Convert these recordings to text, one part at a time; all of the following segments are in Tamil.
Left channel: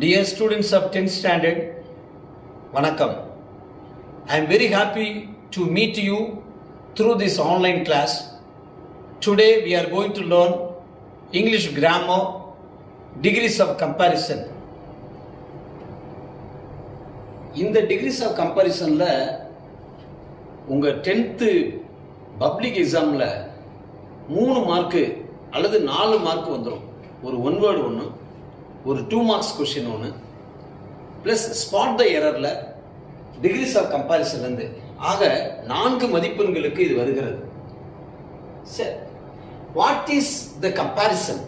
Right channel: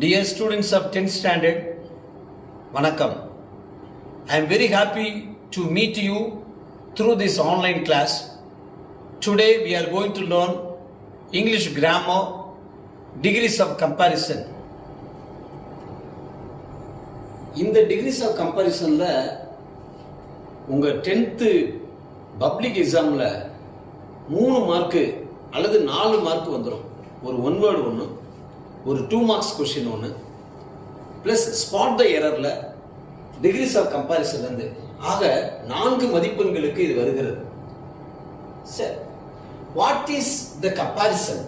Dear students of 10th standard, Vanakkam. I am very happy to meet you through this online class. Today we are going to learn English grammar, degrees of comparison. இந்த degrees of comparisonல உங்க 10th பப்ளிக் எக்ஸாம்ல 3 மார்க்கு அல்லது 4 மார்க் வந்துடும். ஒரு 1 வேர்டு ஒன்று, ஒரு 2 மார்க்ஸ் கொஸ்டின் ஒன்று, பிளஸ் ஸ்பாட் த எரர்ல டிகிரிஸ் ஆஃப் கம்பாரிசன் இருந்து ஆக 4 மதிப்பெண்களுக்கு இது வருகிறது. சரி, what is the comparison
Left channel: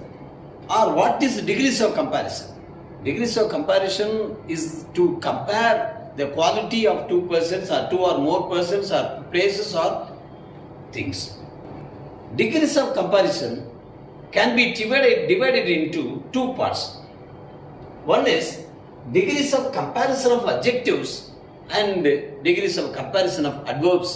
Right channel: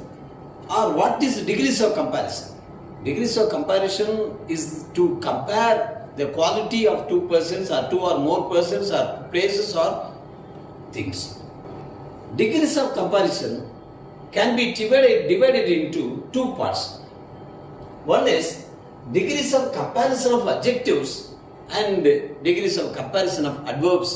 or what is degrees of comparison? Degrees of comparison is to compare the quality of 2 persons or 2 or more persons or places or things. Degrees of comparison can be divided into 2 parts. One is degrees of comparison of adjectives and degrees of comparison of adverbs.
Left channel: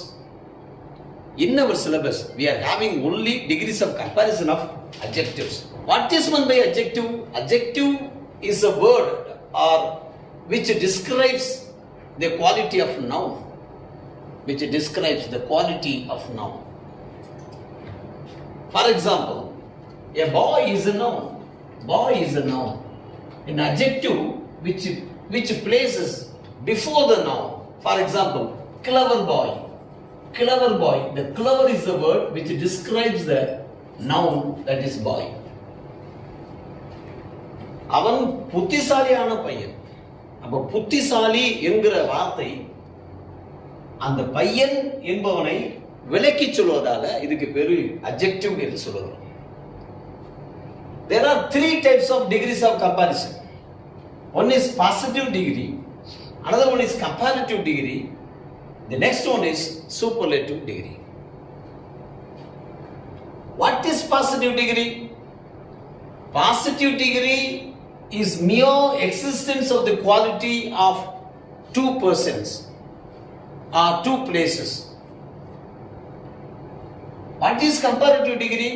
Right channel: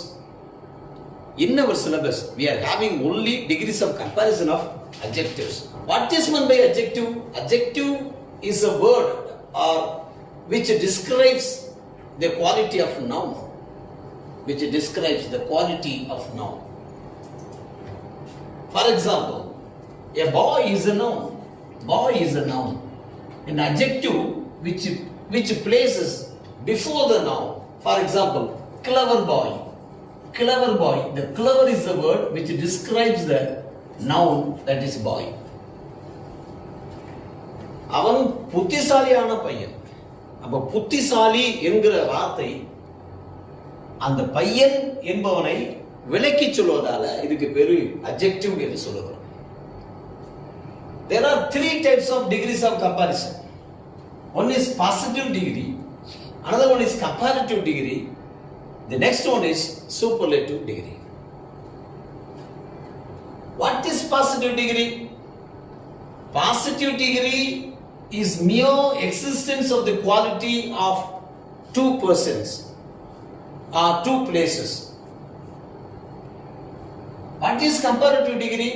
In our syllabus, we are having only degrees of comparison of adjectives. What is meant by adjective? Adjective is a word or which describes the quality of noun. Which describes the quality of noun. For example, a boy is a noun. Boy is a noun. An adjective which places before the noun. For example, clever boy. Clever boy. The clever is the word which describes the noun, that is boy. அவன் புத்திசாலியான பையன். அப்ப புத்திசாலி என்கிற வார்த்தை அந்த பையன் என்பவனை விலக்கி சொல்வதால இதுக்கு பேரு adjective என்று சொல்றோம். There are 3 types of degrees of comparison. One is positive degree, another one is comparative degree, the next one is superlative degree. What is positive degree? Positive degree is mere existence of the quality of 2 persons or 2 places. What is comparative degree?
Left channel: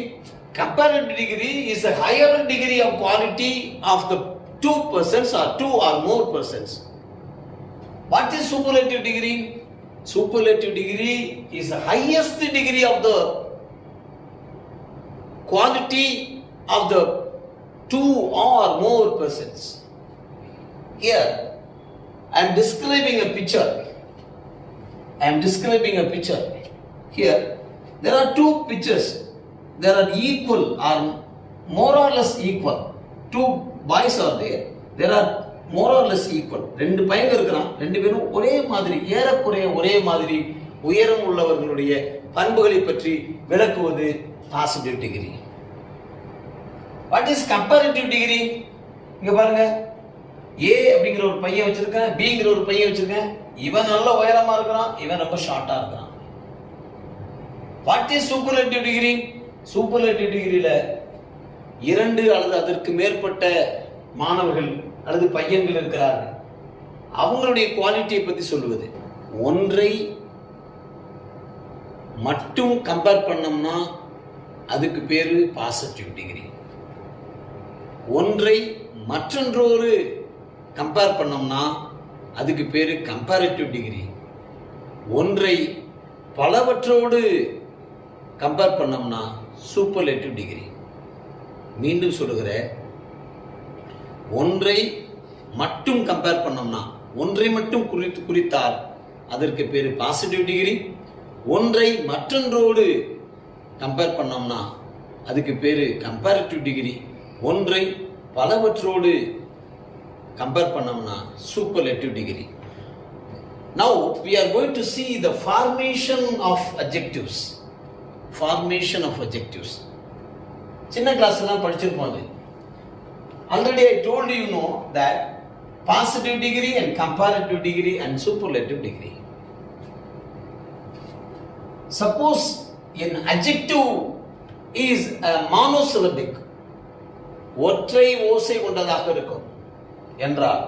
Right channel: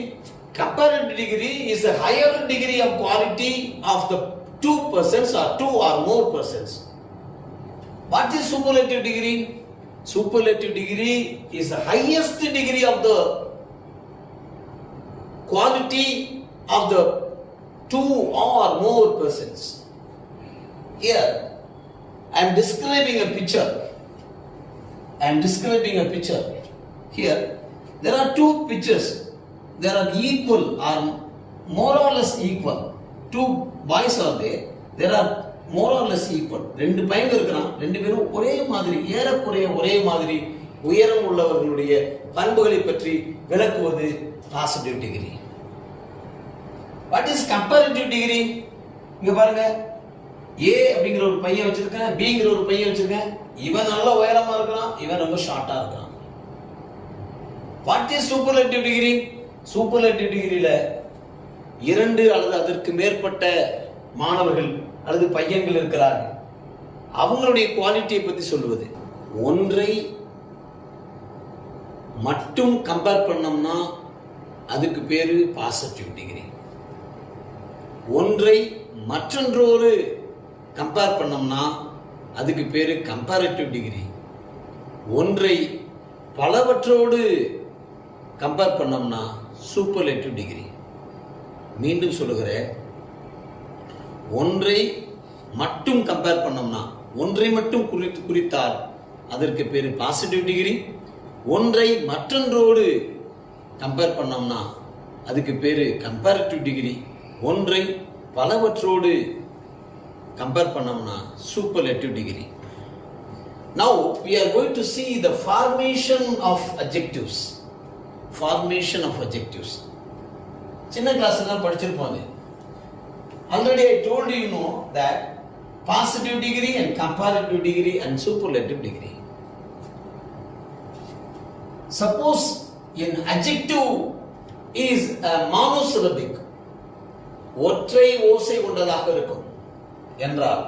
Comparative degree is a higher degree of quality of the 2 persons or 2 or more persons. What is superlative degree? Superlative degree is the highest degree of the quality of the 2 or more persons. Here, I am describing a picture. Here, there are 2 pictures. There are equal or more or less equal. 2 boys are there. There are more or less equal. 2 பையங்க இருக்காங்க. 2 பேரும் ஒரே மாதிரி, ஏறக்குறைய ஒரே மாதிரி உயரம் உள்ளவர்களுடைய பண்புகளை பற்றி விளக்குவது positive degree. What is comparative degree? இங்க பாருங்க, A அப்படிங்கிற ஒரு பையன் வச்சிருக்கேன், Bங்கிற ஒரு பையன் வச்சிருக்கேன். இவன் நல்ல உயரமா இருக்கிறான், இவன் ரொம்ப ஷார்ட்டா இருக்கிறான். What is superlative degree? Superlative degreeல 2 அல்லது அதற்கு மேற்பட்ட மாணவர்கள் அல்லது பையன்கள் இருக்கிறார்கள். அவங்களுடைய குவாலிட்டியை பத்தி சொல்லுவது. ஒன்றை மட்டும் கம்பேர் பண்ணோம்னா அதுக்கு பேரு பாசிட்டிவ் டிகிரி. ஒன்றை மற்றொன்றோடு கம்பேர் பண்ணோம்னா அதுக்கு பேரு கம்பேரிட்டிவ் டிகிரி. ஒன்றை பலவற்றோடு கம்பேர் பண்ணோம்னா சூப்பர்லேட்டிவ் டிகிரி. மீண்டும் சொல்லுகிறேன், ஒன்றை மட்டும் கம்பேர் பண்ணோம்னா, ஒன்றை மட்டும் குறித்தால் அதற்கு பேரு பாசிட்டிவ் டிகிரி. ஒன்றை மற்றொன்றோடு கம்பேர் பண்ணோம்னா அதுக்கு பேரு கம்பேரிட்டிவ் டிகிரி. ஒன்றை பலவற்றோடு கம்பேர் பண்ணோம்னா superlative degree. Now we are going to see the formation of adjectives. Formation of adjectives. சின்ன கிளாஸ்லாம் படிச்சிருப்போம். Already I told you know that positive degree and comparative degree and superlative degree. Suppose an adjective is a monosyllabic, ஒற்றை ஓசை கொண்டதாக இருக்கும் என்றால்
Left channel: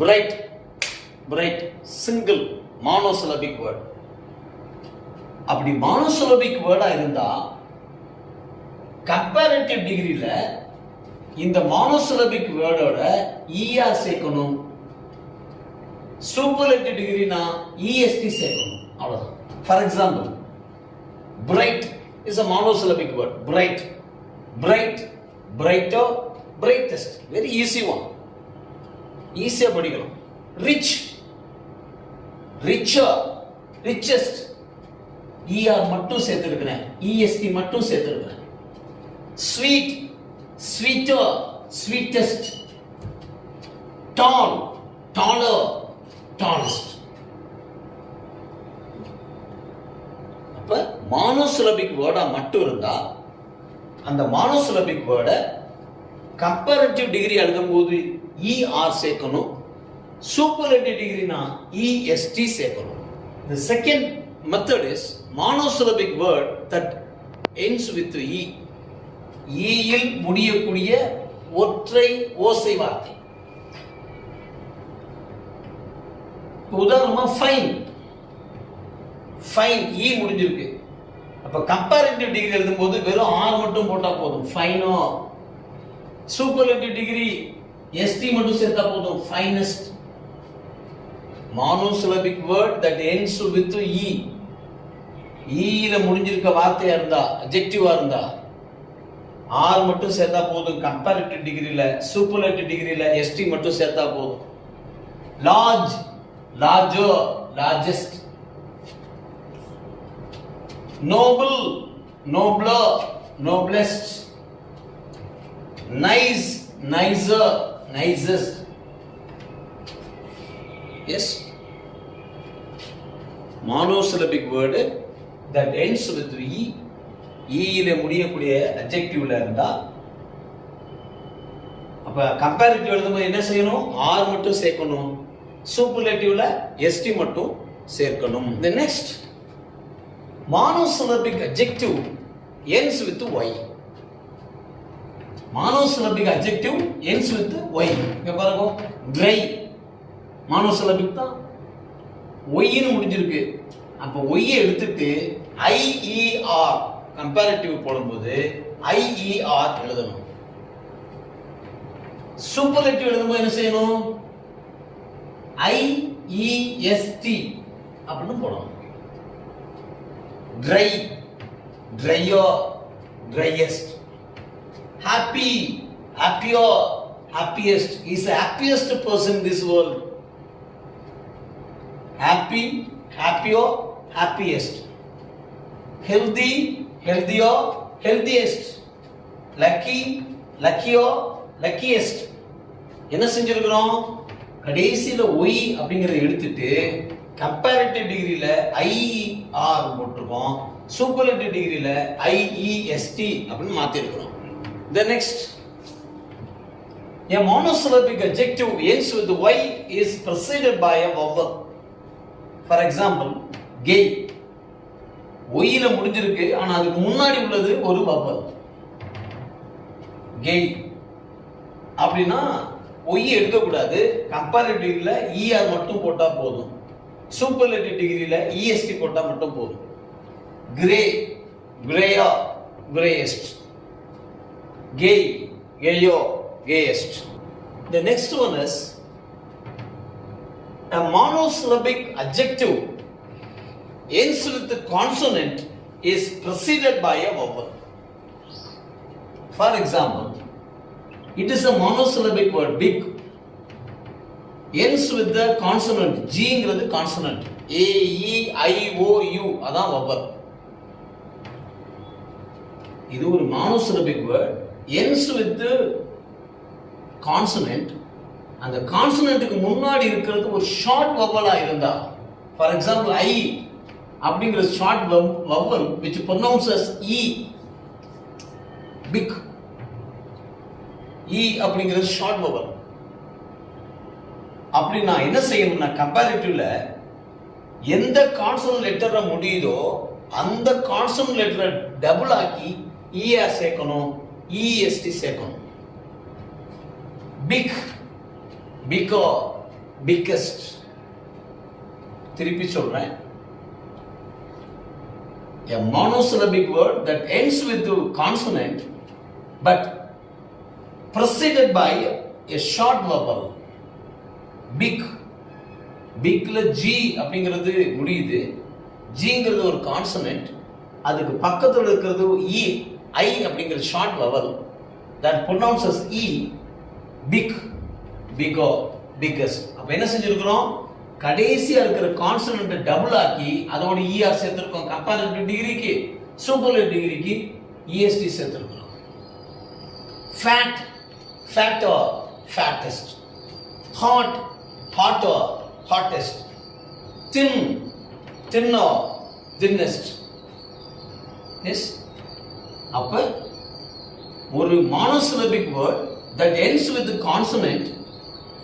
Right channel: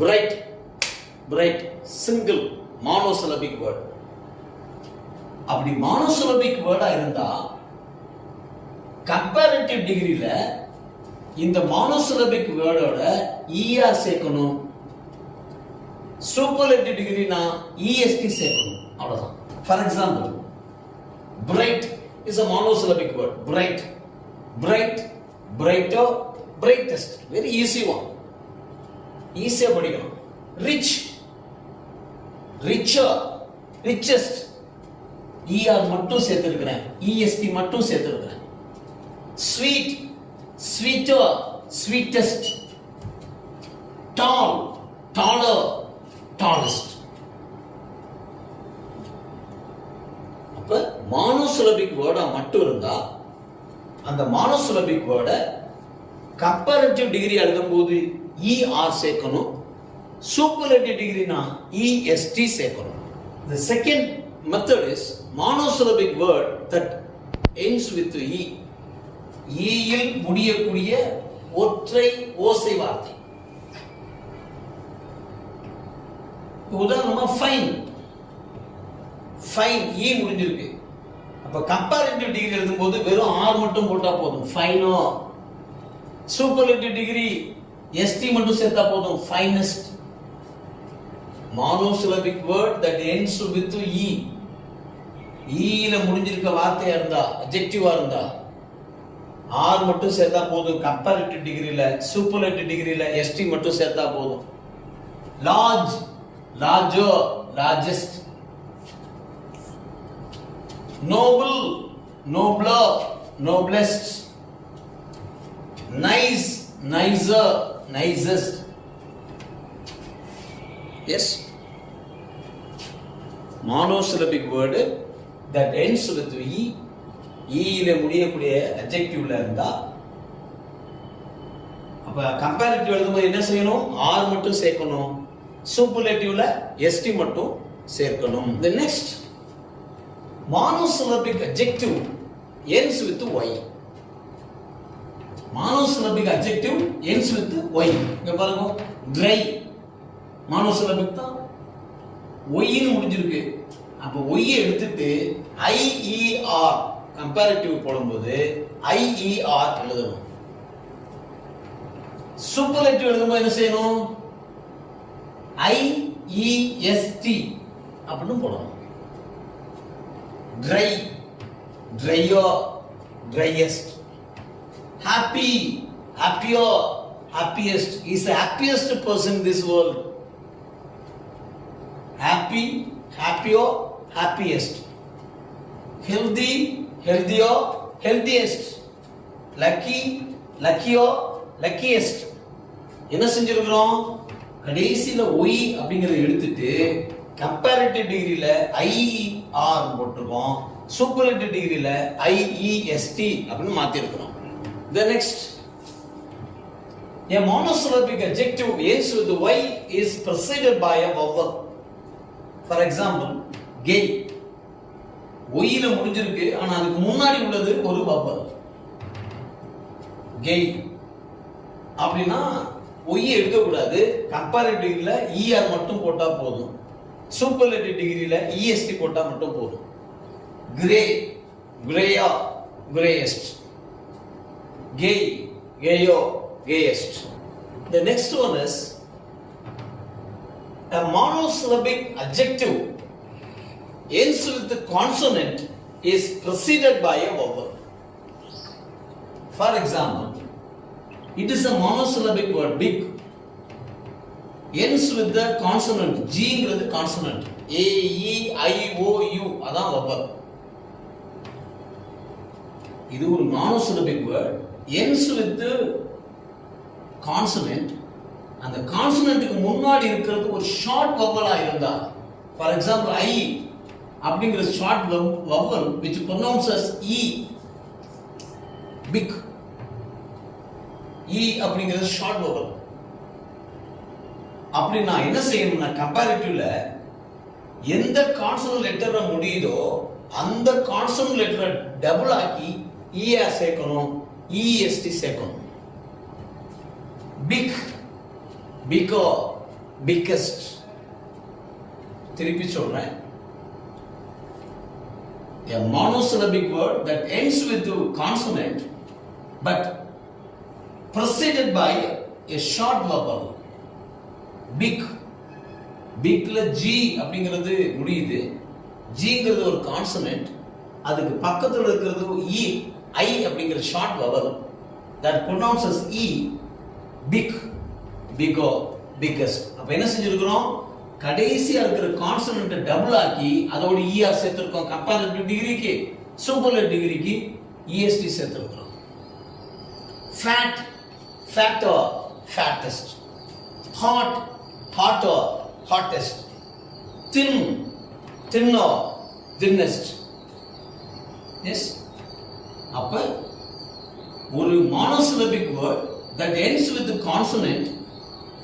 bright, bright, single monosyllabic word. அப்படி monosyllabic வேர்டா இருந்தா கம்பேரிட்டிவ் டிகிரியில இந்த மானோசிலபிக் வேர்டோட ER சேர்க்கணும். சூப்பர்லேட்டிவ் டிகிரினா EST சேர்க்கணும். அவ்வளவுதான். For example, bright is a monosyllabic word. Bright, bright, brighter, brightest. Very easy one. ஈஸியா படிக்கலாம். Rich, richer, richest. ER மட்டும் சேர்த்திருக்கிறேன், EST மட்டும் சேர்த்திருக்கிறேன். Sweet, sweeter, sweetest. Tall, taller, tallest. அப்ப மானோசிலபிக் வேர்டா மட்டும் இருந்தா அந்த மானோசிலபிக் வேர்டை கம்பேரிட்டிவ் டிகிரி எழுதும்போது ER சேர்க்கணும். சூப்பர்லேட்டிவ் டிகிரினா EST சேர்க்கணும். The second method is monosyllabic word that ends with E. E இல் முடியக்கூடிய ஒற்றை ஓசை வார்த்தை. உதாரணமா ஃபைன், ஃபைன் E முடிஞ்சிருக்கு. அப்ப கம்பேரிட்டிவ் டிகிரி எழுதும்போது வெறும் R மட்டும் போட்டா போதும், ஃபைனோ. சூப்பர்லேட்டிவ் டிகிரி ST மட்டும் சேர்த்தா போதும், finest. monosyllabic word that ends with E. E ல முடிஞ்சிருக்க வார்த்தையா இருந்தா, adjective-ஆ இருந்தா R மட்டும் சேர்த்தா போதும். கம்பேரிட்டிவ் டிகிரில, சூப்பர்லேட்டிவ் டிகிரில ST மட்டும் சேர்த்தா போதும். large, larger, largest. noble, nobler, noblest. nice, nicer, nicest. Yes, monosyllabic word that ends with E. E ல முடியக்கூடிய adjectiveல இருந்தா அப்ப கம்பேரிட்டிவ் எழுதும்போது என்ன செய்யணும்? R மட்டும் சேர்க்கணும். சூப்பர்லேட்டிவ்ல ST மட்டும் சேர்க்கணும். The next monosyllabic adjective ends with Y. monosyllabic adjective ends with Y. இங்க பாருங்க, dry monosyllabic தான். Y ன்னு முடிஞ்சிருக்கு. அப்ப Y எடுத்துட்டு IER கம்பேரிட்டிவ் போடும்போது IER எழுதணும். சூப்பர்லேட்டிவ் எழுதும்போது என்ன செய்யணும்? IEST அப்படின்னு போடணும். dry, drier, driest. happy, happier, happiest. He is the happiest person in this world. happy, happier, happiest. healthy, healthier, healthiest. lucky, luckier, luckiest. என்ன செஞ்சிருக்கிறோம்? கடைசியில Y அப்படிங்கறத எடுத்துட்டு கம்பேரிட்டிவ் டிகிரில IER போட்டுருக்கோம். சூப்பர்லேட்டிவ் டிகிரில IEST அப்படின்னு மாத்தி இருக்கிறோம். The next, a monosyllabic adjective ends with Y is preceded by a vowel. For example, gay. Y ல முடிஞ்சிருக்கு, ஆனா அதுக்கு முன்னாடி உள்ளது ஒரு vowel. gay அப்படின்னா Y எடுக்க கூடாது. கம்பேரிட்டிவ் டிகிரில ER மட்டும் போட்டா போதும். சூப்பர்லேட்டிவ் டிகிரில EST போட்டா மட்டும் போதும். gray, grayer, grayest. gay, gayer, gayest. The next one is a monosyllabic adjective ends with the consonant is preceded by a vowel. For example, it is a monosyllabic word, big. ends with the consonant. G ங்கிறது consonant. A, E, I, O, U அதான் vowel. இது ஒரு monosyllabic word. ends with the consonant. அந்த கான்சனன்ட்க்கு முன்னாடி இருக்கிறது ஒரு ஷார்ட் வவலா இருந்தா, ஃபார் எக்ஸாம்பிள் I அப்படிங்கிற short vowel which pronounces E, big. E அப்படிங்கிற ஷார்ட் வவல். அப்படி நான் என்ன செய்யணும்னா கம்பேரிட்டிவ்ல எந்த கான்சனன்ட் லெட்டரை முடியுதோ அந்த கான்சனன்ட் லெட்டரை டபுள் ஆக்கி ER சேர்க்கணும், EST சேர்க்கணும். big, bigger, biggest. திருப்பி சொல்றேன். A monosyllabic word that ends with a consonant but preceded by a short vowel. Big. Bigல G அப்படிங்கிறது முடியுது. Gங்கிறது ஒரு கான்சனன்ட். அதுக்கு பக்கத்துல இருக்கிறது E, I அப்படிங்கிற short vowel that pronounces E, big, bigger, biggest. அப்ப என்ன செஞ்சிருக்கிறோம்? கடைசியா இருக்கிற கான்சனன்ட் டபுள் ஆக்கி அதோட ER சேர்த்திருக்கோம். கம்பேரிட்டிவ் டிகிரிக்கு, சூப்பர்லேட்டிவ் டிகிரிக்கு EST சேர்த்திருக்கிறோம். Fat, fatter, fattest. Hot, hotter, hottest. Thin, thinner, thinnest. Yes. அப்ப ஒரு monosyllabic word that ends with the consonant,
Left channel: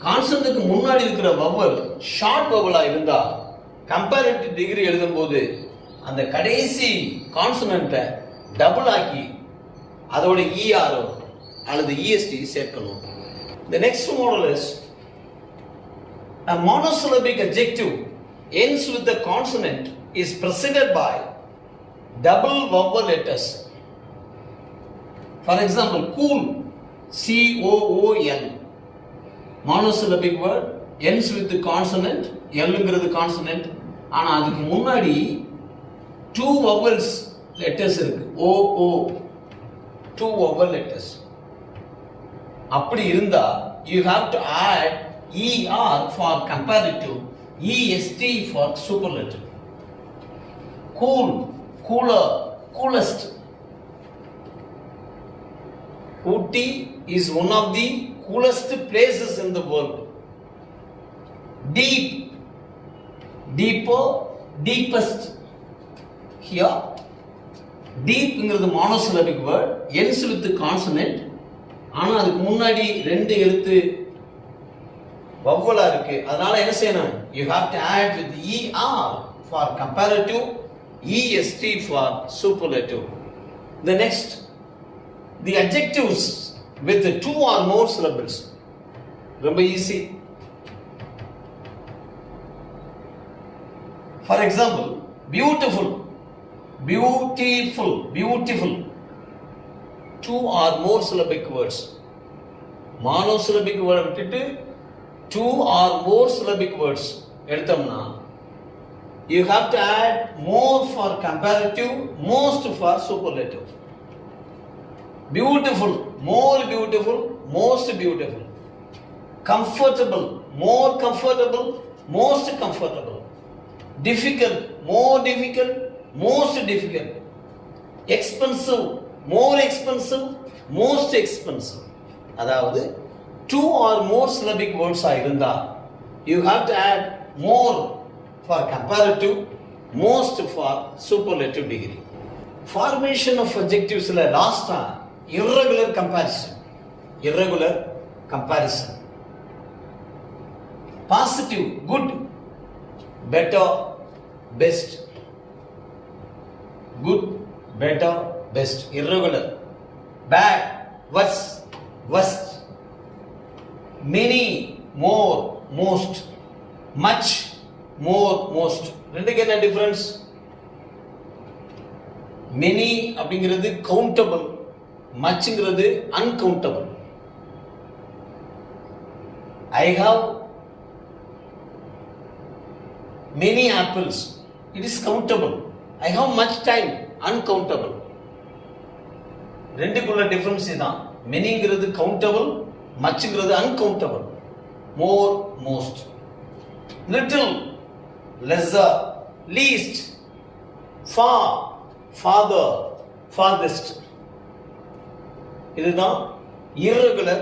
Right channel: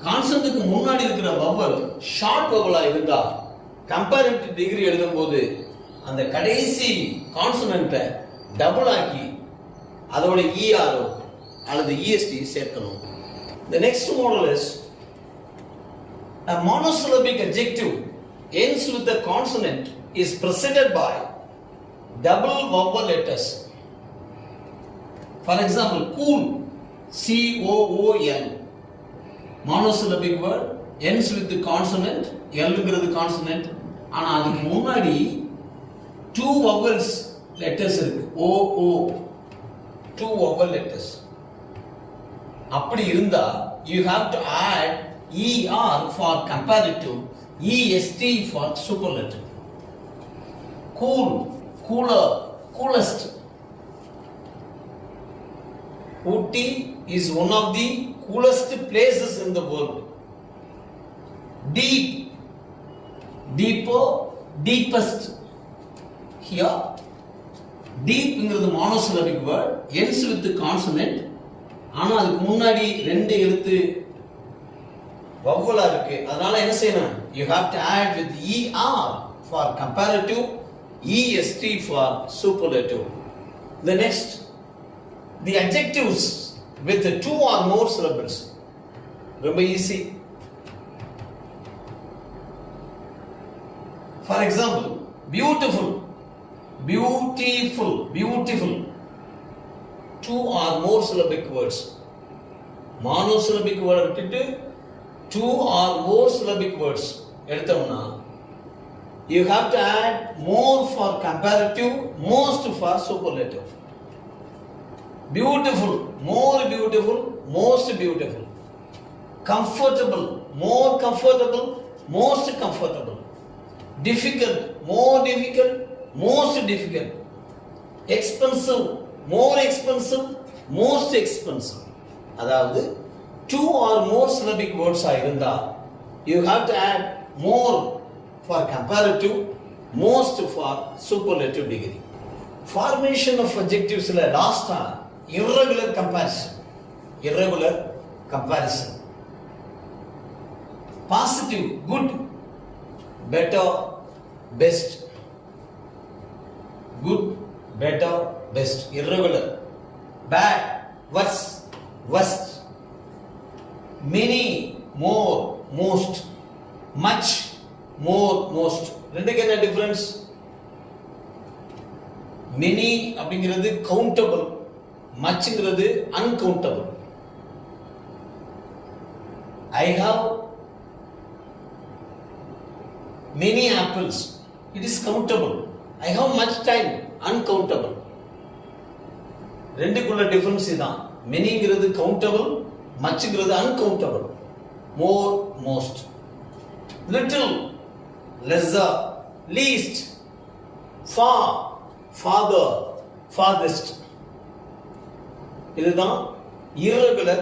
கான்சனன்ட்க்கு முன்னாடி இருக்கிற vowel ஷார்ட் vowel-ஆ இருந்தா கம்பேரிட்டிவ் டிகிரி எழுதும்போது அந்த கடைசி கான்சனன்ட்டை டபுள் ஆக்கி அதோட ER அல்லது EST சேர்க்கணும். The next model is a monosyllabic adjective ends with the consonant is preceded by double vowel letters. For example, cool, COOL, monosyllabic word ends with the consonant, L-ங்கிறது consonant, ஆனா அதுக்கு முன்னாடி two vowels letters இருக்கு, OO, two vowel letters. அப்படி இருந்தா you have to add ER for comparative, EST for superlative. Cool, cooler, coolest. Ooty is one of the coolest places in the world. Deep, deeper, deepest. Here, deep is monosyllabic word, ends with the consonant. ஆனா அதுக்கு முன்னாடி ரெண்டு எழுத்து வவ்வலா இருக்கு. அதனால என்ன செய்யணும்? You have to add with ER for comparative, EST for superlative. The next, the adjectives with the two or more syllables. ரொம்ப easy. For example, beautiful, beautiful, beautiful. Two or more syllabic words. Monosyllabic word விட்டுட்டு two or more syllabic words எடுத்தோம்னா you have to add more for comparative, most for superlative. Beautiful, more beautiful, most beautiful. Comfortable, more comfortable, most comfortable. Difficult, more difficult, most difficult. Expensive, more expensive, most expensive. அதாவது two or more syllabic words ஆ இருந்தா you have to add more for comparative, most for superlative degree. Formation of adjectives la last ah irregular comparison. Irregular comparison. Positive, good, better, best. Good, better, best. Irregular. Bad, worse, worst. Many, more, most. Much, more, most. ரெண்டுக்கு என்ன டிஃபரன்ஸ்? many அப்படிங்கிறது கவுண்டபிள், மச்ங்கிறது uncountable. I have many apples, it is countable. I have much time, uncountable. ரெண்டுக்குள்ள டிஃபரன்ஸ் இதான். மெனிங்கிறது கவுண்டபிள், மச்ங்கிறது uncountable. More, most. Little, lesser, least. Far, farther, farthest. இதுதான் irregular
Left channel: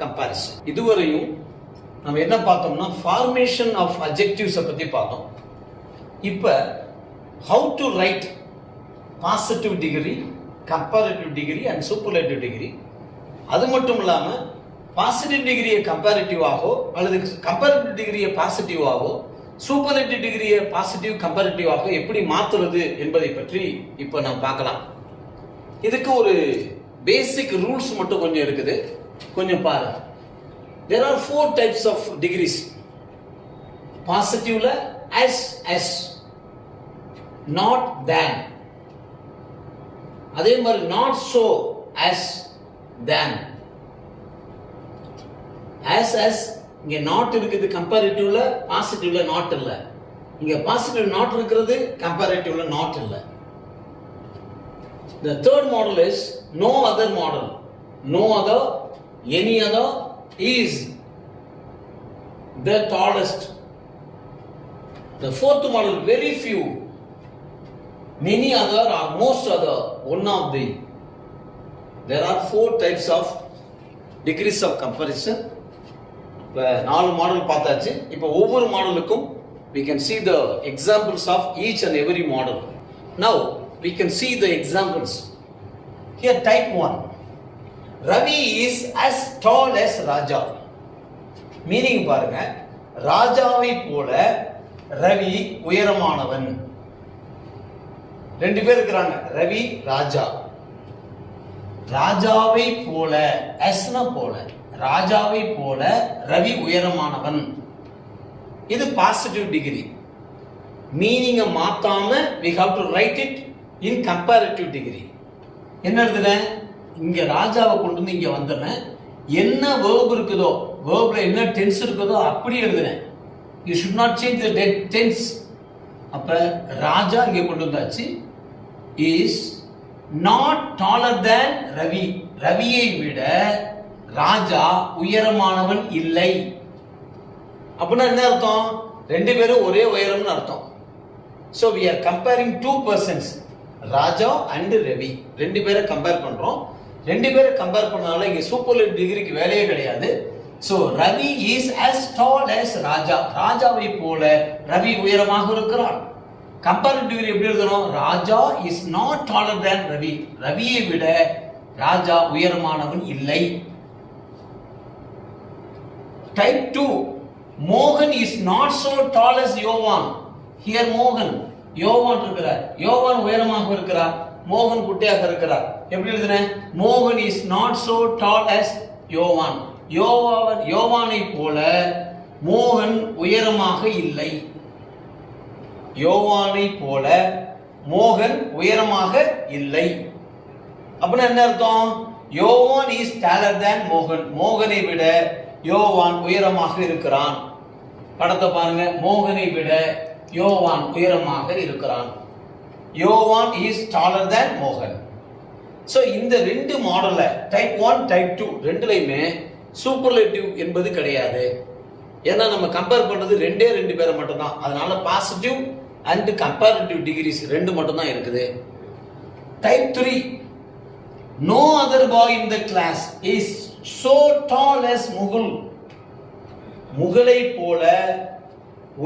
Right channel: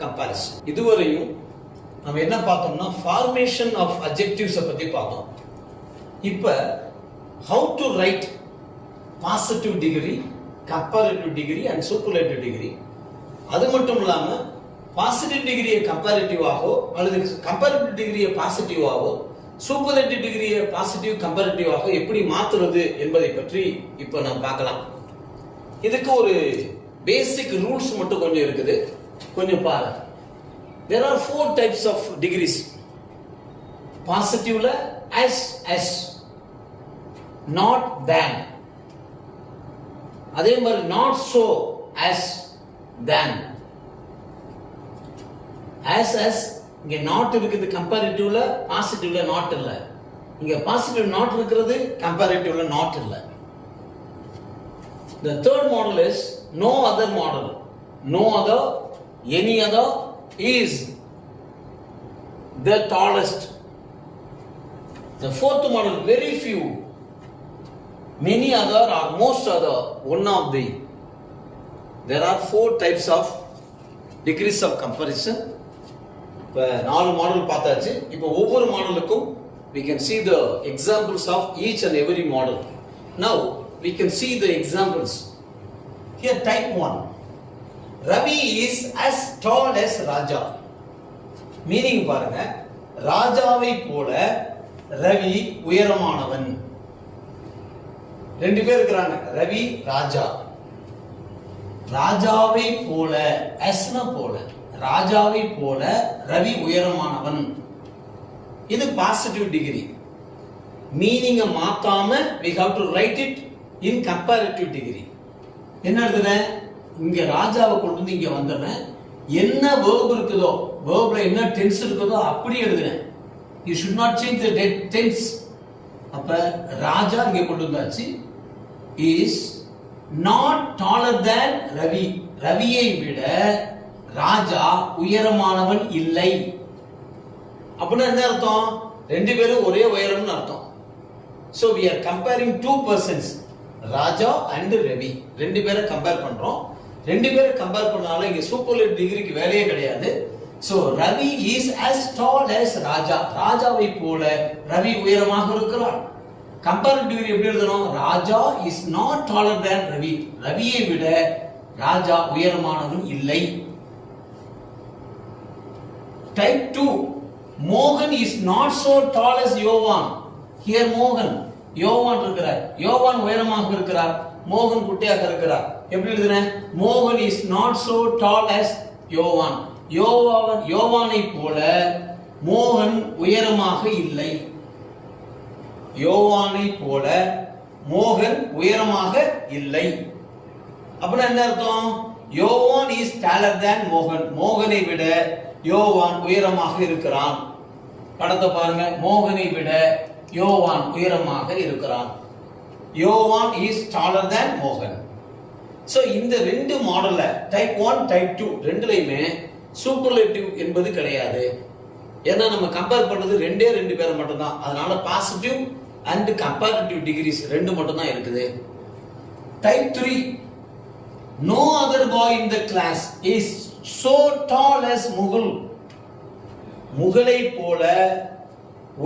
comparison. இதுவரையும் நம்ம என்ன பார்த்தோம்னா ஃபார்மேஷன் ஆஃப் அட்ஜெக்டிவ்ஸ் பத்தி பார்த்தோம். இப்போ how to write positive degree, comparative degree and superlative degree. அது மட்டும் இல்லாம பாசிட்டிவ் டிகிரியை கம்பேரிட்டிவாகவோ அல்லது கம்பேரிட்டிவ் டிகிரியை பாசிட்டிவாகவோ சூப்பர்லேட்டிவ் டிகிரியை பாசிட்டிவ் கம்பேரிட்டிவாக எப்படி மாத்துறது என்பதை பற்றி இப்போ நாம் பார்க்கலாம். இதுக்கு ஒரு பேசிக் ரூல்ஸ் மட்டும் கொஞ்சம் இருக்குது, கொஞ்சம் பாருங்க. There are 4 types of degrees. பாசிட்டிவ்ல as, not than. அதே மாதிரி not so, as, than. as இங்க நாட் இருக்குது கம்பேரிட்டிவ்ல, பாசிட்டிவ்ல நாட் இல்ல. இங்க பாசிட்டிவ் நாட் இருக்கிறது, கம்பேரிட்டிவ்ல நாட் இல்ல. The third model is no other model. No other, any other is the tallest. The fourth model, very few, many other or most other, one of the. There are 4 types of degrees of comparison. இப்போ 4 மாடல் பார்த்தாச்சு. இப்போ ஒவ்வொரு மாடலுக்கும் we can see the examples of each and every model. Now we can see the examples. Here type 1. Ravi is as tall as Raja. Meaning பாருங்க, ராஜாவை போல ரவி உயரமானவன். ரெண்டு பேர் இருக்கிறாங்க, ரவி ராஜா. ராஜாவை போல, அஸ்னா போல, ராஜாவை போல ரவி உயரமானவன். இது பாசிட்டிவ் டிகிரி. மீனிங்க மாத்தாம we have to write it in comparative degree. என்ன எழுதுறேன், இங்க ராஜாவை கொண்டு வந்து இங்க வந்துடுறேன். என்ன verb இருக்குதோ, verbல என்ன tense இருக்குதோ அப்படி எழுதுறேன். You should not change the tense. அப்ப ராஜா இங்க கொண்டு வந்தாச்சு. is not taller than Ravi. ரவியை விட ராஜா உயரமானவன் இல்லை. அப்படின்னா என்ன அர்த்தம், ரெண்டு பேரும் ஒரே உயரம்னு அர்த்தம். So we are comparing 2 persons, Raja and Ravi. ரெண்டு பேரை கம்பேர் பண்றோம். ரெண்டு பேரை கம்பேர் பண்ணால இங்க சூப்பர்லேட்டிவ் டிகிரிக்கு வேலையே கிடையாது. So Ravi is as tall as ராஜா. ராஜாவை போல ரவி உயரமாக இருக்கிறார். கம்பேரிட்டிவ் டிகிரி எப்படி எழுதணும், ராஜா is not taller than Ravi. ரவியை விட ராஜா உயரமானவன் இல்லை. Type 2. Mohan is not so tall as Yovan. Here Mohan, யோவான் இருக்கிறார். யோவான் உயரமாக இருக்கிறார், மோகன் குட்டையாக இருக்கிறார். எப்படி எழுதுறேன், மோகன் is not so tall as யோவான். யோவானை போல மோகன் உயரமாக இல்லை. யோவானை போல மோகன் உயரமாக இல்லை. அப்படின்னா என்ன அர்த்தம், யோவான் is taller than மோகன். மோகனை விட யோவான் உயரமாக இருக்கிறான். படத்தை பாருங்க, மோகனை விட யோவான் உயரமாக இருக்கிறான். யோவான் is taller than மோகன். சோ இந்த ரெண்டு மாடல்ல டைப் 1 டைப் 2 ரெண்டுலயுமே சூப்பர்லேட்டிவ் என்பது கிடையாது. ஏன்னா நம்ம கம்பேர் பண்றது ரெண்டு பேரை மட்டும் தான். அதனால பாசிட்டிவ் அண்ட் கம்பேரிட்டிவ் டிகிரிஸ் ரெண்டு மட்டும் தான் இருக்குது. Type 3. No other boy in the class is so tall as Mukul. முகலை போல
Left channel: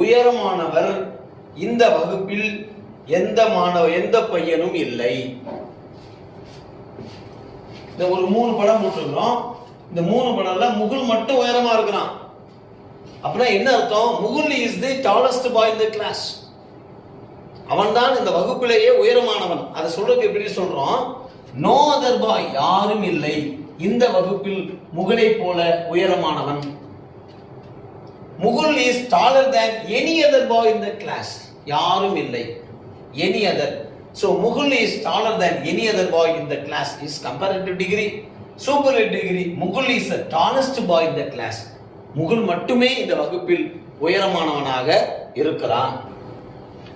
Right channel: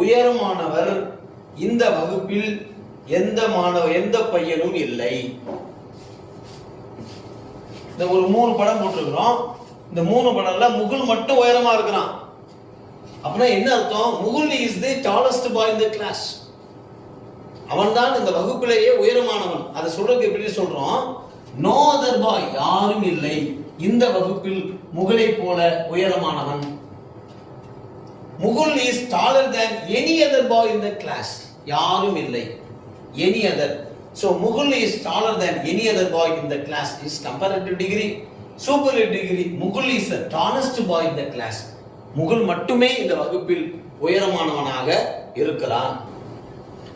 உயரமானவர் இந்த வகுப்பில் எந்த பையனும் இல்லை. இந்த ஒரு 3 படம் போட்டிருக்கிறோம். இந்த 3 படம்ல முகுல் மட்டும் உயரமா இருக்கிறான். அப்படின்னா என்ன அர்த்தம், Mukul is the tallest boy in the class. அவன் தான் இந்த வகுப்பிலேயே உயரமானவன். அதை சொல்றது எப்படி சொல்றோம், no other boy, யாரும் இல்லை இந்த வகுப்பில் முகலை போல உயரமானவன். Mukul is taller than any other boy in the class. யாரும் இல்லை, any other. So Mukul is taller than any other boy in the class is comparative degree. Superlative degree, Mukul is the tallest boy in the class. Mukul மட்டுமே இந்த வகுப்பில் உயரமானவனாக இருக்கிறான்.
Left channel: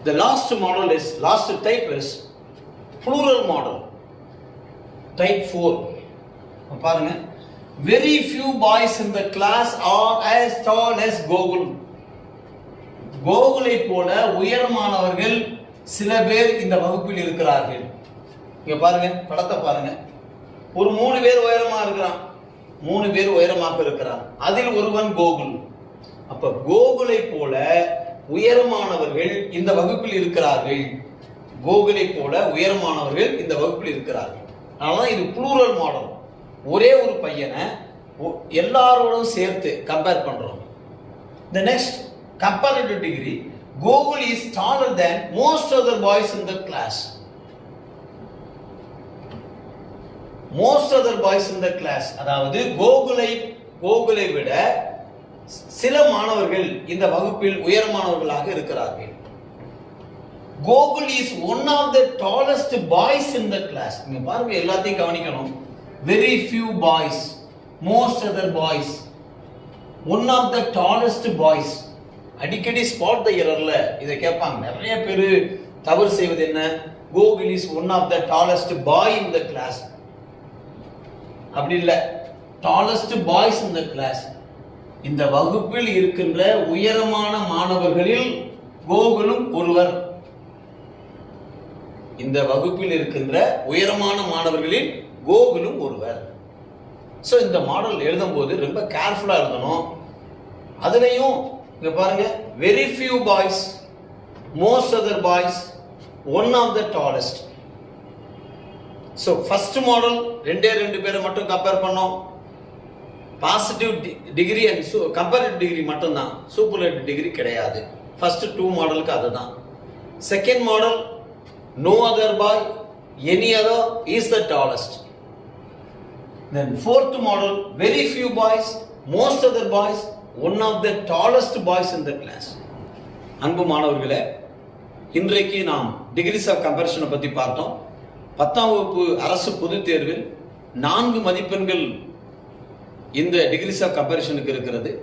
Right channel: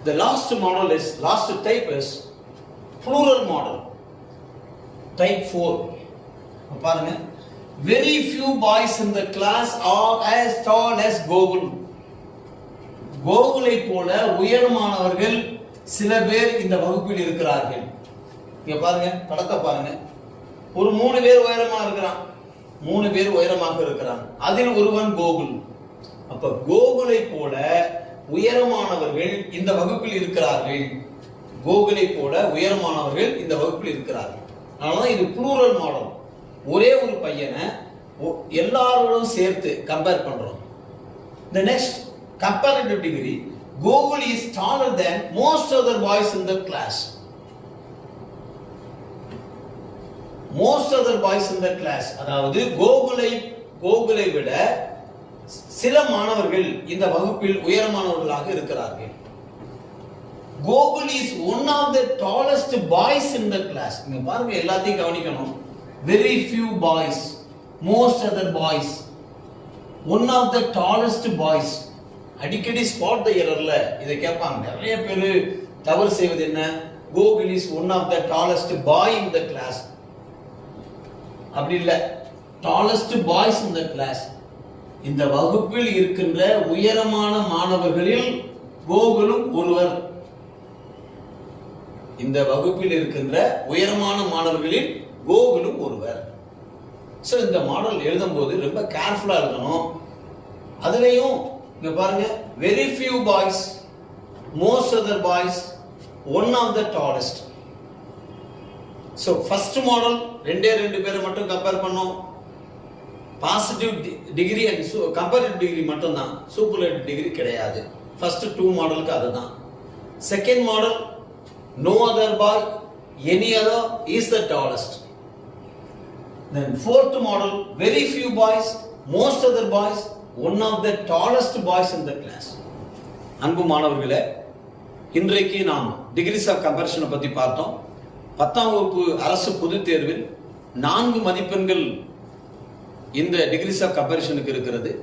The last type is plural model. Type 4. பாருங்க, very few boys in the class are as tall as Gokul. கோகுலை போல உயரமானவர்கள் சில பேர் இந்த வகுப்பில் இருக்கிறார்கள். இங்க பாருங்க, படத்தை பாருங்க. ஒரு 3 பேர் உயரமா இருக்கிறான், 3 பேர் உயரமாக இருக்கிறான். அதில் ஒருவன் கோகுல். அப்ப கோகுலை போல உயரமானவர்கள் இந்த வகுப்பில் இருக்கிறார்கள். கோகுலை போல உயரமானவர்கள் இந்த வகுப்பில் இருக்கிறார்கள். அதனால இது ப்ளூரல் மாடல். ஒரே ஒரு பையனை எல்லாரோடும் சேர்த்து கம்பேர் பண்றோம். The next comparative degree, Gogul is taller than most other boys in the class. Most other boys in the class, அதாவது கோகுலை விட சில மாணவர்கள் இந்த வகுப்பில் உயரமானவர்களாக இருக்கிறார்கள். Gogul is one of the tallest boys in the class. இங்க பாருங்க, எல்லாத்தையும் கவனிக்கணும். Very few boys, most other boys. One of the tallest boys. அடிக்கடி ஸ்பாட் த எரர்ல இதை கேட்பாங்க. நிறைய பேர் தவறு செய்வது என்ன? Gokul is one of the tallest boy in the class. அப்படி இல்லை, tallest boys in the class. இந்த வகுப்பில் இருக்கின்ற உயரமான மாணவர்களில் கோகுலும் ஒருவர். இந்த வகுப்பில் இருக்கின்ற உயரமான மாணவர்களில் கோகுலும் ஒருவர். ஸோ இந்த மாடல் எழுதும் போது ரொம்ப கேர்ஃபுல்லா இருக்கணும். அதுலயும் இங்க பாருங்க, very few boys, most other boys, one of the tallest. So first model ரெண்டு பேரை மட்டும் கம்பேர் பண்ணோம். Positive degree and comparative degree மட்டும் தான், சூப்பர்லேட்டிவ் டிகிரி கிடையாது. ஃபர்ஸ்ட் 2 மாடலுக்கு அதுதான். Second model, no other boy, any other is the tallest. Then fourth model, very few boys, most other boys, one of the tallest boys in the class. அன்பு மாணவர்களே, இன்றைக்கு நாம் டிகிரிஸ் ஆஃப் கம்பேரிஷனை பற்றி பார்த்தோம். 10ஆம் வகுப்பு அரசு பொதுத் தேர்வில் 4 மதிப்பெண்கள் இந்த டிகிரிஸ் ஆஃப் கம்பேரிஷனுக்கு இருக்கிறது.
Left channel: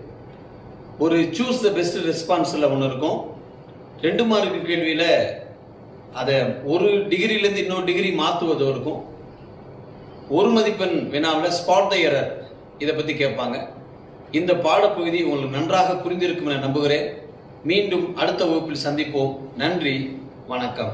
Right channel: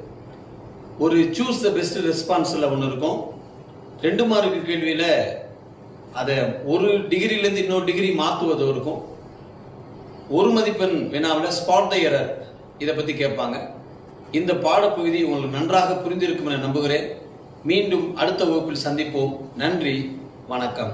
ஒரு சூஸ் த பெஸ்ட் ரெஸ்பான்ஸில் ஒன்று இருக்கும். 2 மார்க்கு கேள்வியில் அதை ஒரு டிகிரியிலேருந்து இன்னொரு டிகிரி மாற்றுவது இருக்கும். 1 மதிப்பெண் வினாவில் ஸ்பாட் த எரர் இதை பற்றி கேட்பாங்க. இந்த பாடப்பகுதி உங்களுக்கு நன்றாக புரிந்திருக்கும் என நம்புகிறேன். மீண்டும் அடுத்த வகுப்பில் சந்திப்போம். நன்றி, வணக்கம்.